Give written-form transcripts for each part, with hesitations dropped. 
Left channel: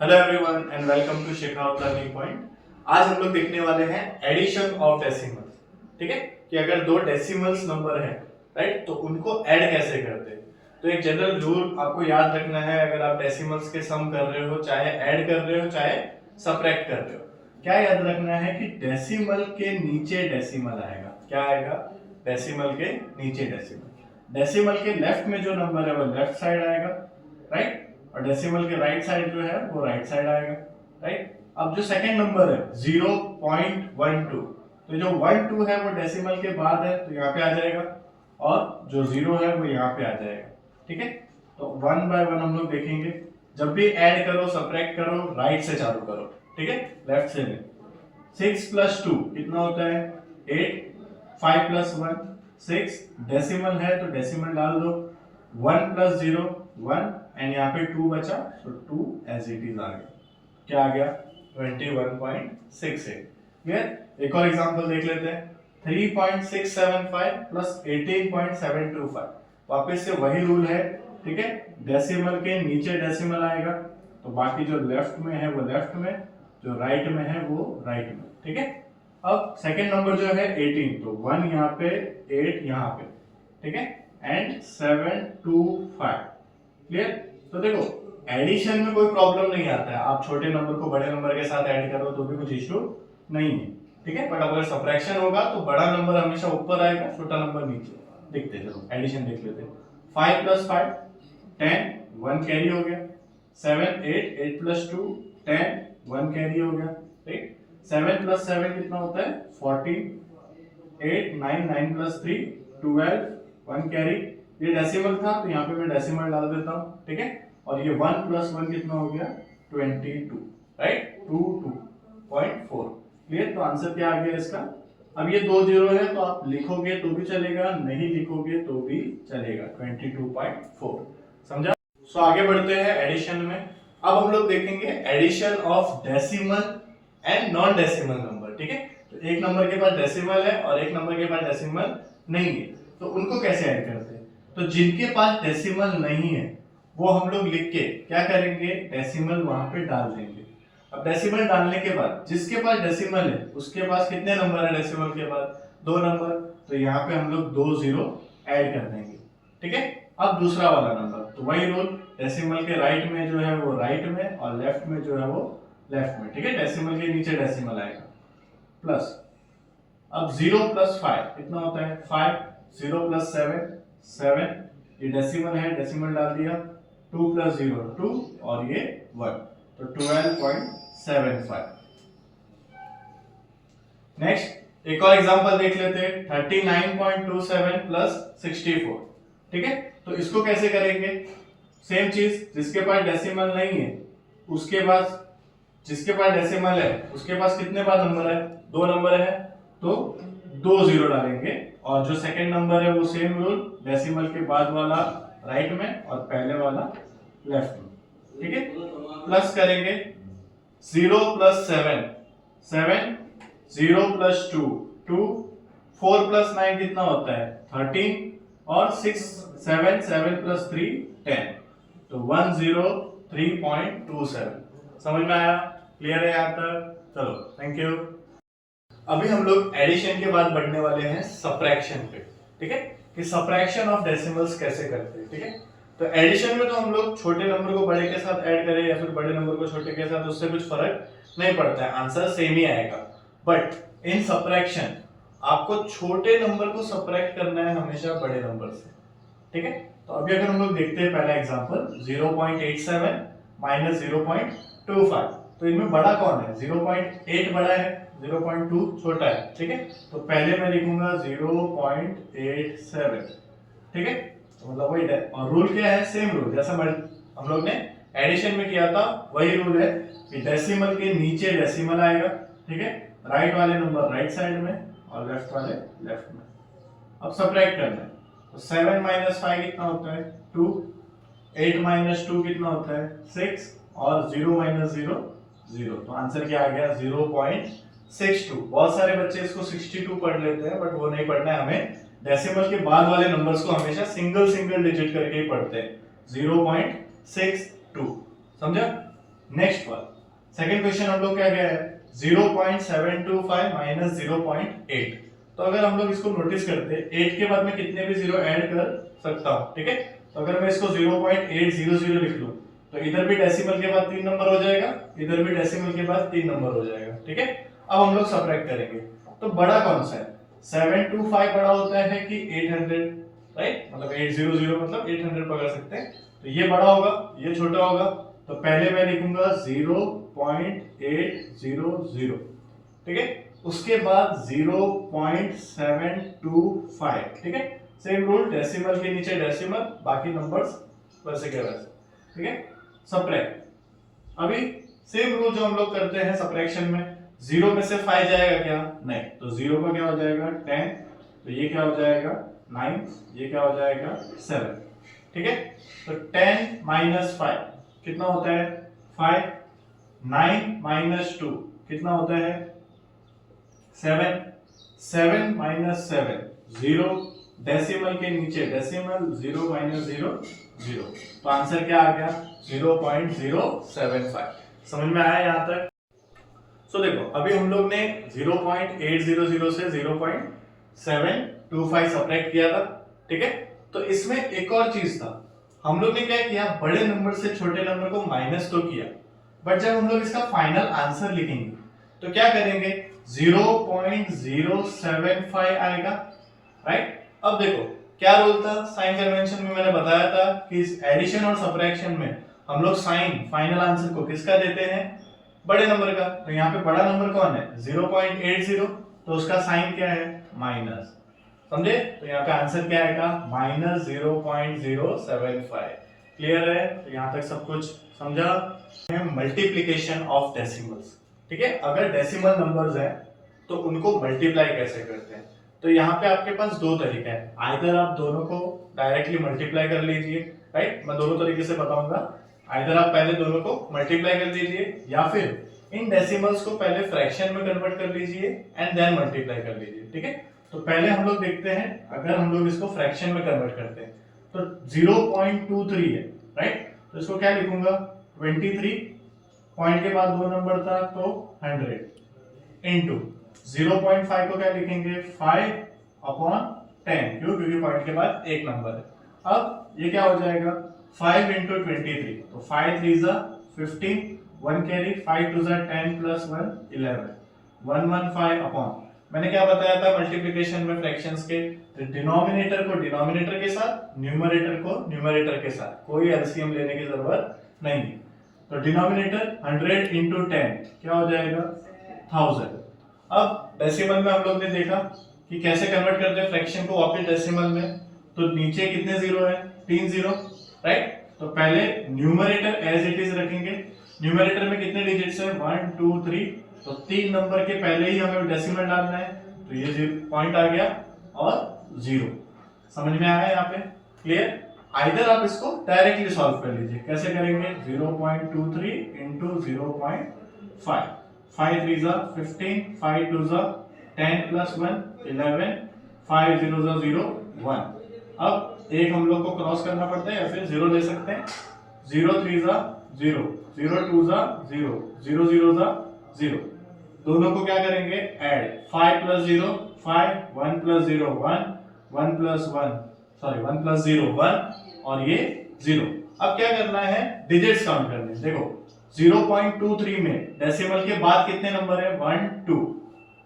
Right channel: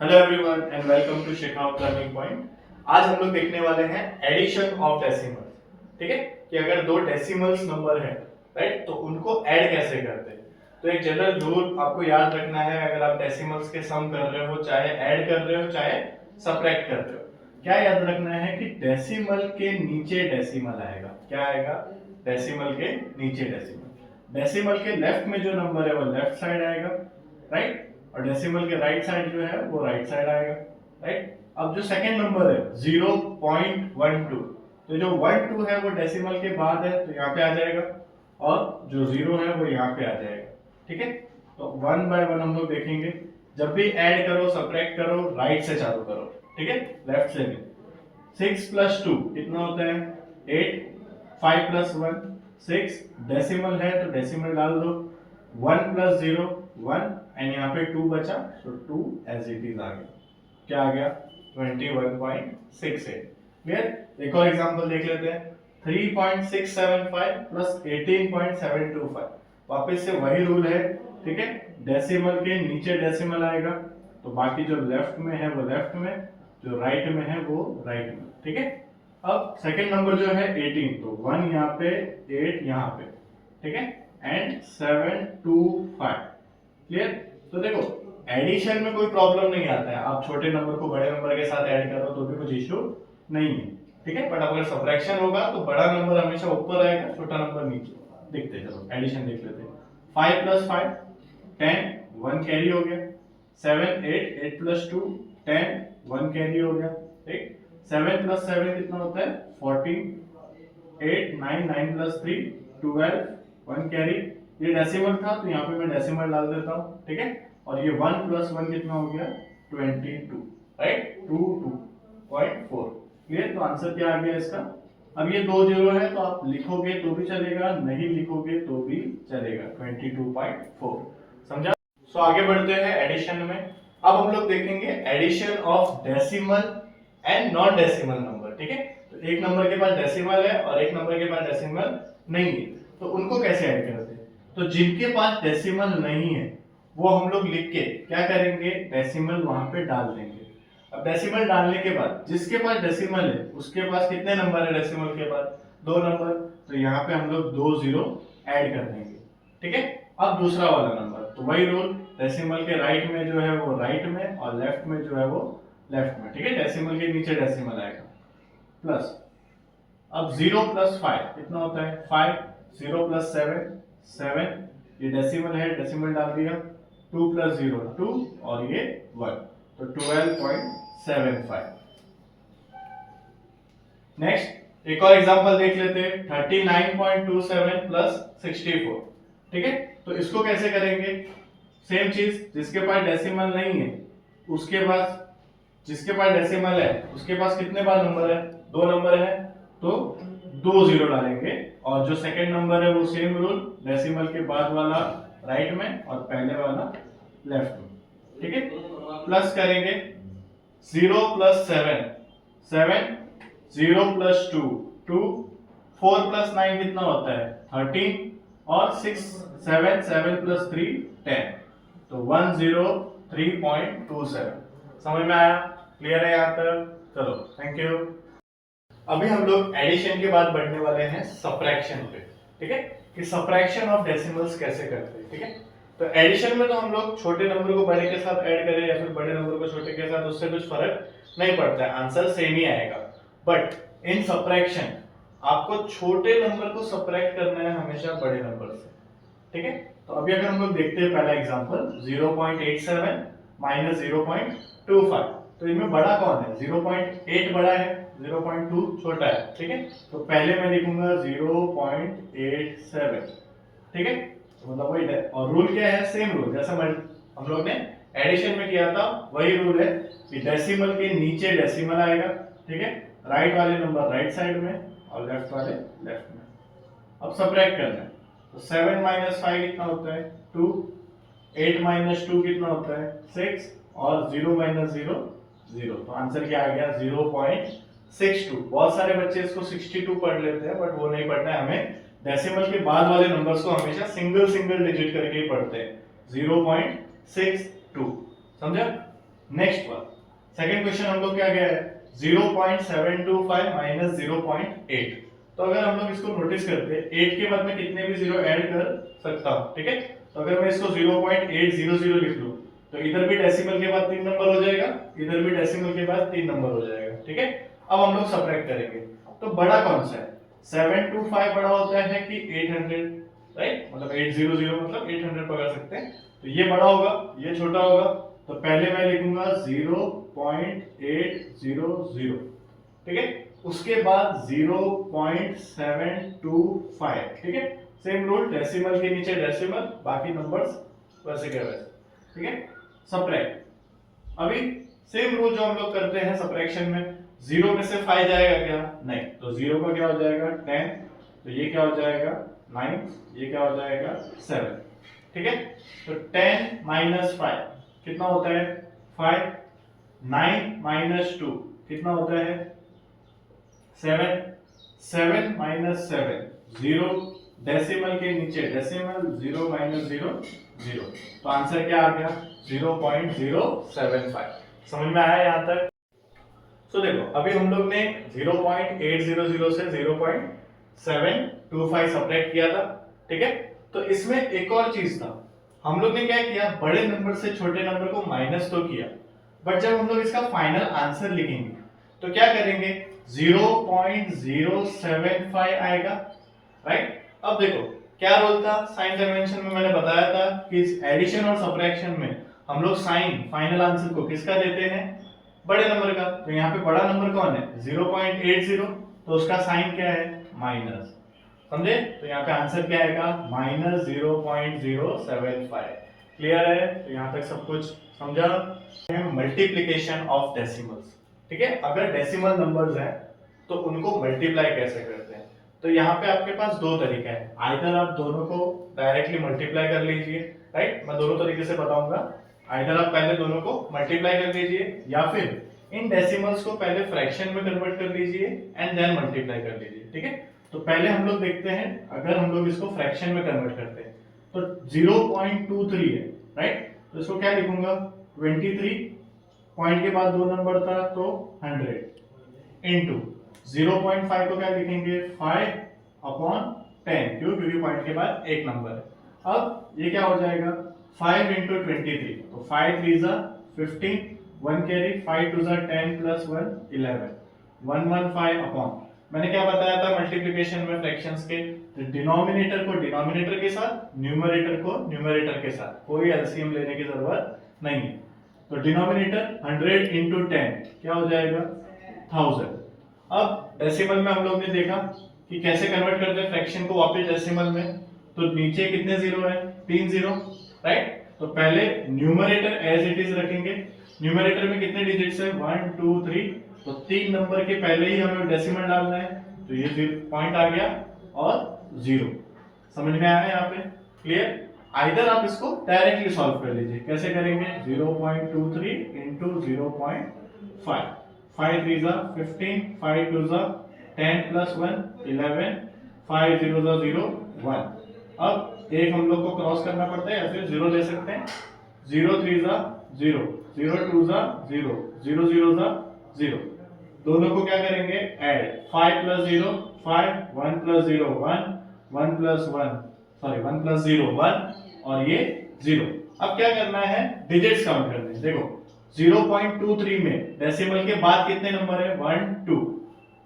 Hello everyone and welcome to Shekhawat learning point. आज हम लोग देखने वाले हैं एडिशन ऑफ डेसिमल्स। ठीक है, कि अगर दो डेसिमल्स नंबर है, राइट, तो उनको ऐड कैसे करते हैं। तो एक जनरल रूल आपको याद रखना है, अगर आप डेसिमल्स के सम कर रहे हो, चाहे ऐड कर रहे हो चाहे सब्ट्रैक्ट कर रहे हो, क्या याद रखना है कि डेसिमल के नीचे डेसिमल आएगा। क्या आएगा? डेसिमल के नीचे डेसिमल। डेसिमल के लेफ्ट में जो नंबर है वो लेफ्ट साइड आएगा, राइट, और डेसिमल के राइट साइड जो है वो राइट साइड आएगा, राइट। अब जो सेकंड नंबर है 0.12, तो जो 12 है वो डेसिमल के बाद है तो यहाँ पे आ जाएगा, और जो 0 है वो यहाँ पे आ जाएगा। ठीक है, तो वन बाय वन हम लोग देखेंगे। जब भी ऐड करो सब्ट्रैक्ट करो, राइट से चालू करो, ठीक है, लेफ्ट से नहीं। 6 प्लस 2 कितना होता है? 8। 5 प्लस 1 6, डेसिमल है तो डेसिमल डाल दो। 1 प्लस 0 1, एंड यहाँ पे 2 बचा तो 2 एज इट इज आ गया। क्या आ गया? 21.68। क्लियर? एक और एग्जांपल देख लेते हैं। 3.675 प्लस 18.725। वापस से वही रूल है, ठीक है, डेसिमल के नीचे डेसिमल आएगा तो बाकी जो लेफ्ट में है वो लेफ्ट में, जो राइट में है वो राइट में। ठीक है, अब सेकंड नंबर जो है 18, तो 1 यहाँ पे 8 यहाँ पे, ठीक है, एंड 725। क्लियर? तो देखो एडिशन में कोई प्रॉब्लम नहीं आता है, आप छोटे नंबर को बड़े नंबर के साथ ऐड करो तो भी कुछ इश्यू नहीं है, ठीक है। बट अगर सब्ट्रैक्शन होगा तो बड़ा नंबर हमेशा ऊपर आएगा, छोटा नंबर नीचे। देखते हैं, चलो एडिशन देख लेते हैं। 5 प्लस 5 10, 1 कैरी हो गया। 7 8, 8 प्लस 2 10, 1 कैरी हो गया, ठीक। 7 प्लस 7 कितना होता है? 14। 8 9, 9 प्लस 3 12, 1 कैरी। ये डेसिमल था तो यहाँ पे मैं डेसिमल डाल देता हूँ, ठीक है। और ये 1 प्लस 1 कितना हो गया? 22, राइट, 22.4। क्लियर? तो आंसर क्या आ गया इसका? अब ये 2 जीरो है तो आप लिखोगे तो भी चलेगा, नहीं लिखोगे तो भी चलेगा। 22.4। समझा? सो आगे बढ़ते हैं एडिशन में। अब हम लोग देखेंगे addition of decimal and non decimal number. ठीक है, तो एक नंबर के पास डेसिमल है और एक नंबर के पास डेसिमल नहीं है, तो उनको कैसे ऐड करते हैं। तो जिनके पास डेसिमल नहीं है वो हम लोग लिख के क्या करेंगे, डेसिमल वहां पे डाल देंगे। अब डेसिमल डालने के बाद जिसके पास डेसिमल है उसके पास कितने नंबर है? डेसिमल के बाद 2 नंबर, तो यहाँ पे हम लोग 2 जीरो ऐड कर देंगे। ठीक है, अब दूसरा वाला नंबर, तो वही रूल, डेसिमल के राइट में जो है वो राइट में और लेफ्ट में जो है वो लेफ्ट में। ठीक है, डेसिमल के नीचे डेसिमल आएगा, प्लस। अब 0 प्लस 5 कितना होता है? 5। 0 प्लस 7 7, ये डेसिमल है, डेसिमल डाल दिया। 2 प्लस 0 2, और ये 1, तो 12.75। नेक्स्ट एक और एग्जांपल देख लेते हैं। 39.27 प्लस 64। ठीक है, तो इसको कैसे करेंगे? सेम चीज, जिसके पास डेसिमल नहीं है उसके पास, जिसके पास डेसिमल है उसके पास कितने बार नंबर है? 2 नंबर है, तो 2 जीरो डालेंगे। और जो सेकंड नंबर है वो सेम रूल, डेसिमल के बाद वाला राइट में और पहले वाला लेफ्ट में। ठीक है, प्लस करेंगे। 0 प्लस 7 7, 0 प्लस 2 2, 4 प्लस 9 कितना होता है? 13, और 6 7 7 प्लस 3 10, तो 103.27। समझ में आया? क्लियर है यहाँ तक? चलो थैंक यू। अभी हम लोग एडिशन के बाद बढ़ने वाले हैं सब्ट्रैक्शन पे। ठीक है, कि सब्ट्रैक्शन ऑफ डेसिमल्स कैसे करते हैं। ठीक है, तो एडिशन में तो हम लोग छोटे नंबर को बड़े के साथ ऐड करें या फिर बड़े नंबर को छोटे के साथ, उससे कुछ फर्क नहीं पड़ता है, आंसर सेम ही आएगा। बट इन सब्ट्रैक्शन आपको छोटे नंबर को सब्ट्रैक्ट करना है हमेशा बड़े नंबर से। ठीक है, तो अभी अगर हम लोग देखते हैं पहला एग्जांपल 0.87 माइनस 0.25, तो इनमें बड़ा कौन है? 0.8 बड़ा है, 0.2 छोटा है। ठीक है, तो पहले मैं लिखूंगा 0.87। ठीक है, तो मतलब वही है, और रूल क्या है? सेम रूल जैसा हम लोग ने एडिशन में किया था, वही रूल है कि डेसिमल के नीचे डेसिमल आएगा। ठीक है, राइट वाले नंबर राइट साइड में और लेफ्ट वाले लेफ्ट में। अब सब्ट्रैक्ट करना है, तो 7 माइनस 5 कितना होता है? 2। 8 माइनस 2 कितना होता है? 6, और 0 माइनस 0 0, तो आंसर क्या आ गया? 0.62। बहुत सारे बच्चे इसको 62 पढ़ लेते हैं, बट वो नहीं पढ़ना है हमें। डेसिमल के बाद वाले नंबर्स को हमेशा सिंगल सिंगल डिजिट करके ही पढ़ते हैं। 0.62, समझा? नेक्स्ट वन, सेकंड क्वेश्चन हम लोग क्या गया है 0.725 माइनस 0.8। तो अगर हम लोग इसको नोटिस करते हैं 8 के बाद में कितने भी जीरो ऐड कर सकता हूं, ठीक है। तो अगर मैं इसको 0.800 लिख लूं तो इधर भी डेसिमल के बाद 3 नंबर हो जाएगा, इधर भी डेसिमल के बाद 3 नंबर हो जाएगा, ठीक है। अब हम लोग सबट्रैक्ट करेंगे तो बड़ा कौन सा है, 725 बड़ा होता है कि 800, राइट, मतलब 800 मतलब 800 पकड़ सकते हैं। तो ये बड़ा होगा, ये छोटा होगा, तो पहले मैं लिखूंगा 0.800, ठीक है। उसके बाद 0.725, ठीक है। सेम रूल, डेसिमल के नीचे डेसिमल, बाकी नंबर्स वैसे के वैसे, ठीक है। सबट्रैक्ट, अभी सेम रूल जो हम लोग करते हैं सबट्रैक्शन में, 0 में से 5 जाएगा क्या, नहीं, तो 0 का क्या हो जाएगा 10, तो ये क्या हो जाएगा 9, ये क्या हो जाएगा 7, ठीक है। तो 10 माइनस 5 कितना होता है 5, 9 माइनस 2 कितना होता है 7, 7 माइनस 7 0, डेसिमल के नीचे डेसिमल, 0 माइनस 0 0, तो आंसर क्या आ गया 0.075। समझ में आया यहां तक? सो देखो अभी हम लोग ने 0.800 से 0.725 सबट्रैक्ट किया था, ठीक है। तो इसमें एक और चीज था, हम लोग ने क्या किया, बड़े नंबर से छोटे नंबर को माइनस तो किया, बट जब हम लोग इसका फाइनल आंसर लिखेंगे तो क्या करेंगे 0.075 आएगा, राइट। अब देखो क्या रोल था, साइन कन्वेंशन में मैंने बताया था कि इस एडिशन और सबट्रैक्शन में हम लोग साइन फाइनल आंसर को किसका देते हैं, बड़े नंबर का। तो यहाँ पे बड़ा नंबर कौन है 0.80, तो उसका साइन क्या है माइनस, समझे। तो यहाँ पे आंसर क्या आएगा माइनस 0.075। क्लियर है? तो यहाँ तक सब कुछ समझा। मल्टीप्लीकेशन ऑफ डेसिमल्स, ठीक है। अगर डेसिमल नंबर्स हैं तो उनको मल्टीप्लाई कैसे करते हैं, तो यहाँ पे आपके पास दो तरीका है, आइदर आप दोनों को डायरेक्टली मल्टीप्लाई कर लीजिए, राइट, मैं दोनों तरीके से बताऊंगा। आइदर आप पहले दोनों को मल्टीप्लाई कर लीजिए या फिर इन डेसिमल्स को पहले फ्रैक्शन में कन्वर्ट कर लीजिए एंड देन मल्टीप्लाई कर लीजिए, ठीक है। तो पहले हम लोग देखते हैं, अगर हम लोग इसको फ्रैक्शन में कन्वर्ट करते हैं तो 0.23 है, राइट, तो इसको क्या लिखूंगा 23, पॉइंट के बाद दो नंबर था तो 100 इनटू 0.5 को क्या लिखेंगे 5/10, क्यों, क्योंकि पॉइंट के बाद एक नंबर है। अब ये क्या हो जाएगा 5 इंटू 23, तो 5 3 जा 15, 1 कैरी, 5 2 जा 10 प्लस 1 11, 115 अपॉन, मैंने क्या बताया था मल्टीप्लिकेशन में फ्रैक्शंस के, तो डिनोमिनेटर को डिनोमिनेटर के साथ, न्यूमरेटर को न्यूमरेटर के साथ, कोई एलसीएम लेने की जरूरत नहीं। तो डिनोमिनेटर 100 इंटू 10 क्या हो जाएगा 1000। अब डेसिमल में हम लोग ने देखा कि कैसे कन्वर्ट करते हैं फ्रैक्शन को वापस डेसिमल में, तो नीचे कितने जीरो है 3 जीरो, राइट। तो पहले न्यूमरेटर एज इट इज रखेंगे, न्यूमरेटर में कितने डिजिट्स है 1 2 3, तो 3 नंबर के पहले ही हमें डेसिमल डालना है, तो ये पॉइंट आ गया और 0। समझ में आया यहाँ पे? क्लियर? आइदर आप इसको डायरेक्टली सॉल्व कर लीजिए, कैसे करेंगे 0.23 इंटू 0.5, 5 3 जा 15, 5 2 जा 10 प्लस 1 11, 5 0 जा 0 1। अब एक हम लोग को क्रॉस करना पड़ता है या फिर 0 ले सकते हैं, 0 3 जा 0, 0 2 जा 0, 0 0 जा 0, दोनों को क्या करेंगे add, 5 plus 0 5, 1 plus 0 1, 1 plus 1 sorry 1 plus 0 1 और ये 0। अब क्या करना है डिजिट्स काउंट करने, देखो 0.23 में डेसिमल के बाद कितने नंबर है 1 2,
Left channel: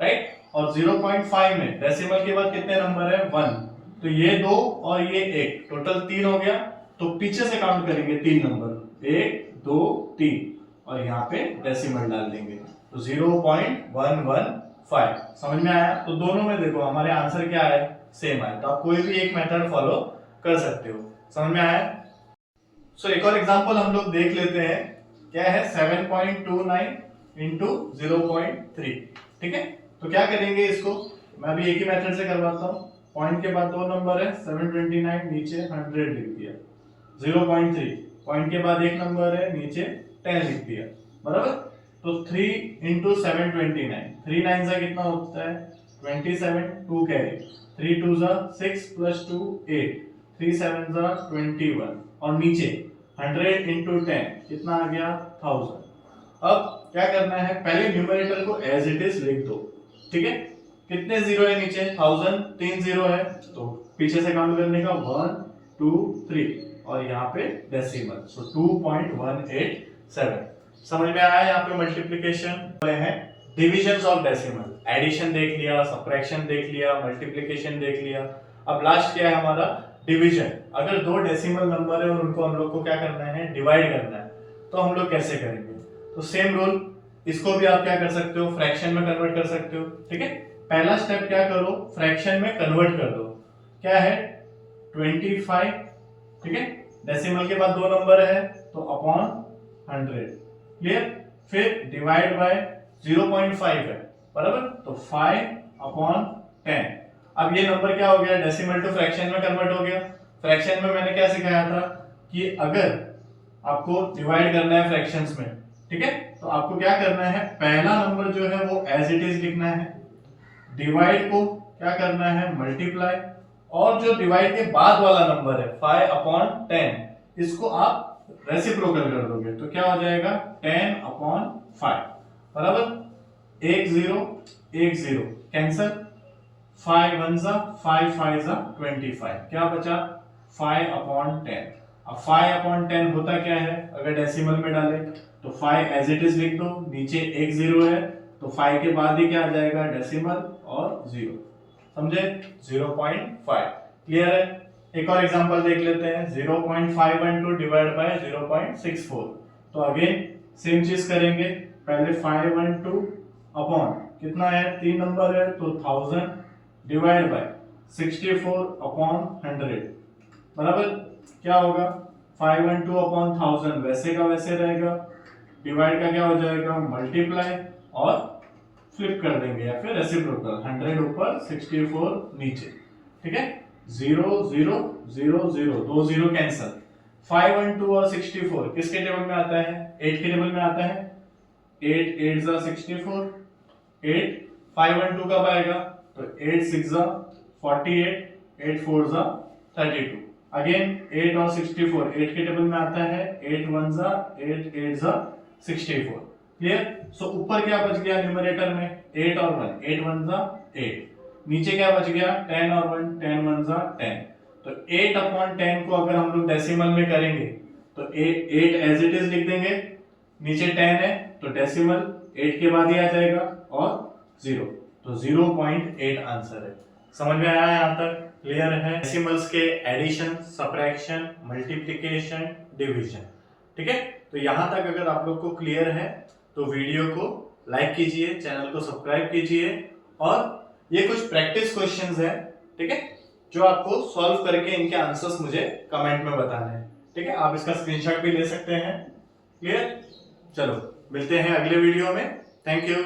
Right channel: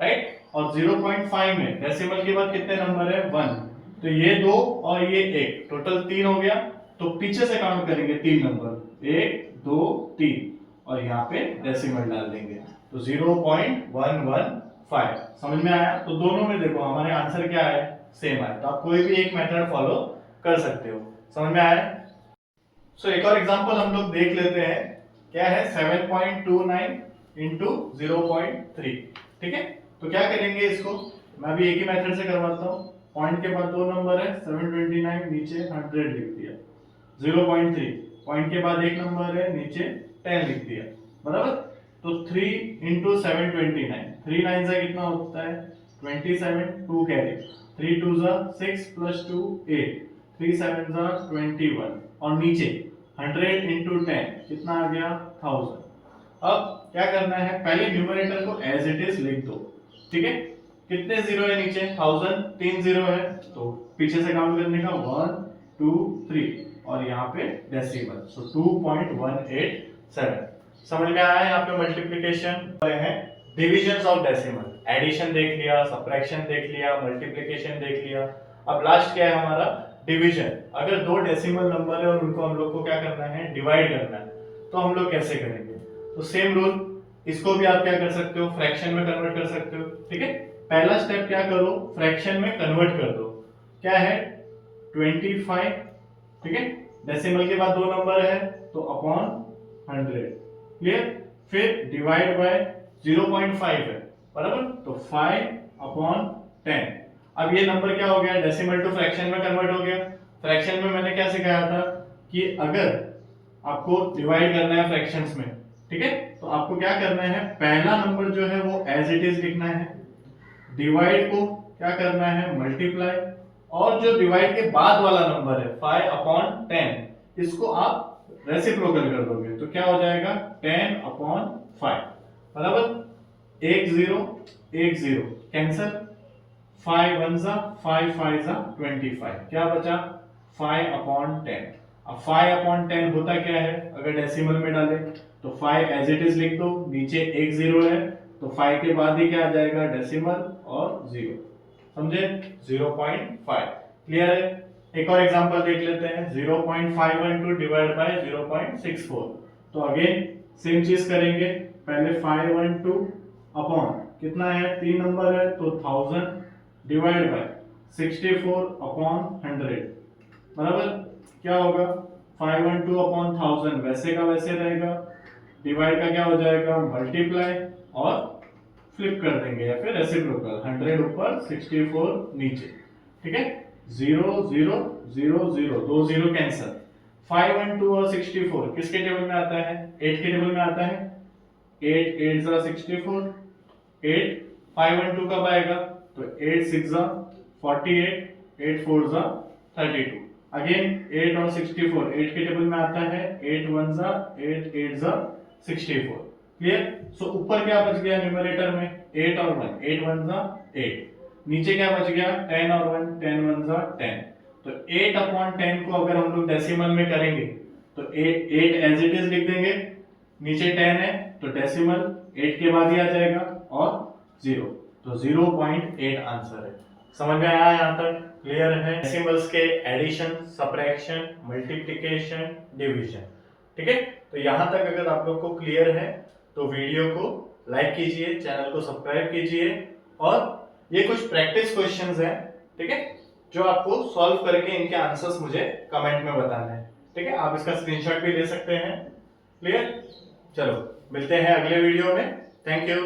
राइट, और 0.5 में डेसिमल के बाद कितने नंबर है 1, तो ये 2 और ये 1, टोटल 3 हो गया। तो पीछे से काउंट करेंगे 3 नंबर 1 2 3 और यहाँ पे डेसिमल डाल देंगे, तो 0.115। समझ में आया? तो दोनों में देखो हमारे आंसर क्या है सेम आया, तो आप कोई भी एक मेथड फॉलो कर सकते हो। समझ में आया? सो एक और एग्जांपल हम लोग देख लेते हैं, क्या है 7.29 इंटू 0.3, ठीक है। तो क्या करेंगे इसको, मैं भी एक ही मेथड से करवाता हूँ, पॉइंट के बाद दो नंबर है 729, नीचे 100 लिख दिया, 0.3 पॉइंट के बाद एक नंबर है नीचे 10 लिख दिया, बराबर। तो 3 इंटू 729, 3 9 से कितना होता है 27, 2 कैरी, 3 2 जा 6 प्लस 2 8, 3 7 जा 21 और नीचे 100 इंटू 10 कितना आ गया 1000। अब क्या करना है, पहले न्यूमरेटर को एज इट इज लिख दो, ठीक है। कितने जीरो है नीचे, 1000, 3 जीरो है, तो पीछे से काउंट करने का 1 2 3 और यहाँ पे डेसिमल, सो 2.187। समझ में आया। यहाँ पे मल्टीप्लिकेशन है, डिविजन्स ऑफ डेसिमल, एडिशन देख लिया, सबट्रैक्शन देख लिया, मल्टीप्लिकेशन देख लिया। अब लास्ट क्या है हमारा, डिवीजन। अगर दो डेसिमल नंबर है और उनको हम लोग को क्या करना है, डिवाइड करना है, तो हम लोग कैसे करेंगे। तो सेम रूल, इसको भी आप क्या कर सकते हो, फ्रैक्शन में कन्वर्ट कर सकते हो, ठीक है। पहला स्टेप क्या करो, फ्रैक्शन में कन्वर्ट कर दो। क्या है 25, ठीक है। डेसिमल के बाद दो नंबर है तो अपॉन 100, क्लियर। फिर डिवाइड बाय 0.5 है, बराबर, तो 5 अपॉन 10। अब ये नंबर क्या हो गया, डेसिमल टू फ्रैक्शन में कन्वर्ट हो गया। फ्रैक्शन में मैंने क्या सिखाया था कि अगर आपको डिवाइड करना है फ्रैक्शंस में, ठीक है, तो आपको क्या करना है, पहला नंबर जो है वो एज इट इज लिखना है, डिवाइड को क्या करना है, मल्टीप्लाई, और जो डिवाइड के बाद वाला नंबर है 5 अपॉन 10, इसको आप रेसिप्रोकल कर दोगे तो क्या हो जाएगा 10 अपॉन 5, बराबर। 1 0 1 0 कैंसल, 5 1 जा 5 5 जा 25, क्या बचा 5 अपॉन 10। अब 5 अपॉन 10 होता क्या है, अगर डेसिमल में डाले तो 5 एज इट इज लिख दो, नीचे 1 0 है तो 5 के बाद ही क्या आ जाएगा, डेसिमल और 0, समझे, 0.5, क्लियर है। एक और एग्जांपल देख लेते हैं, 0.512 डिवाइड बाय 0.64। तो अगेन सेम चीज करेंगे, पहले 512 अपॉन कितना है, 3 नंबर है तो 1000 डिवाइड बाय 64 अपॉन 100, बराबर। क्या होगा 512 अपॉन 1000 वैसे का वैसे रहेगा, डिवाइड का क्या हो जाएगा, मल्टीप्लाई, और फ्लिप कर देंगे या फिर रेसिप्रोकल, 100 ऊपर 64 नीचे, ठीक है। 0 0 0 0 दो जीरो कैंसल। 512 और 64 किसके टेबल में आता है, 8 के टेबल में आता है। 8 8 जा 64, 8 512 कब आएगा, तो 8 6 जा 48, 8 4 जा 32। अगेन 8 और 64 8 के टेबल में आता है, 8 1 जा 8 8 जा 64, क्लियर। सो ऊपर क्या बच गया न्यूमरेटर में, 8 और 1, 8 1 जा 8, नीचे क्या बच गया 10 और 1, 10 1 जा 10। तो 8 अपॉन 10 को अगर हम लोग डेसिमल में करेंगे तो 8 एज इट इज लिख देंगे, नीचे 10 है तो डेसिमल 8 के बाद ही आ जाएगा और 0, तो 0.8 आंसर है। समझ में आया यहाँ तक, क्लियर है। डेसिमल्स के एडिशन, सबट्रैक्शन, मल्टीप्लिकेशन, डिवीजन, ठीक है। तो यहाँ तक अगर आप लोग को क्लियर है तो वीडियो को लाइक कीजिए, चैनल को सब्सक्राइब कीजिए, और ये कुछ प्रैक्टिस क्वेश्चंस हैं, ठीक है, जो आपको सॉल्व करके इनके आंसर्स मुझे कमेंट में बताना है, ठीक है। आप इसका स्क्रीनशॉट भी ले सकते हैं, क्लियर। चलो मिलते हैं अगले वीडियो में, थैंक यू।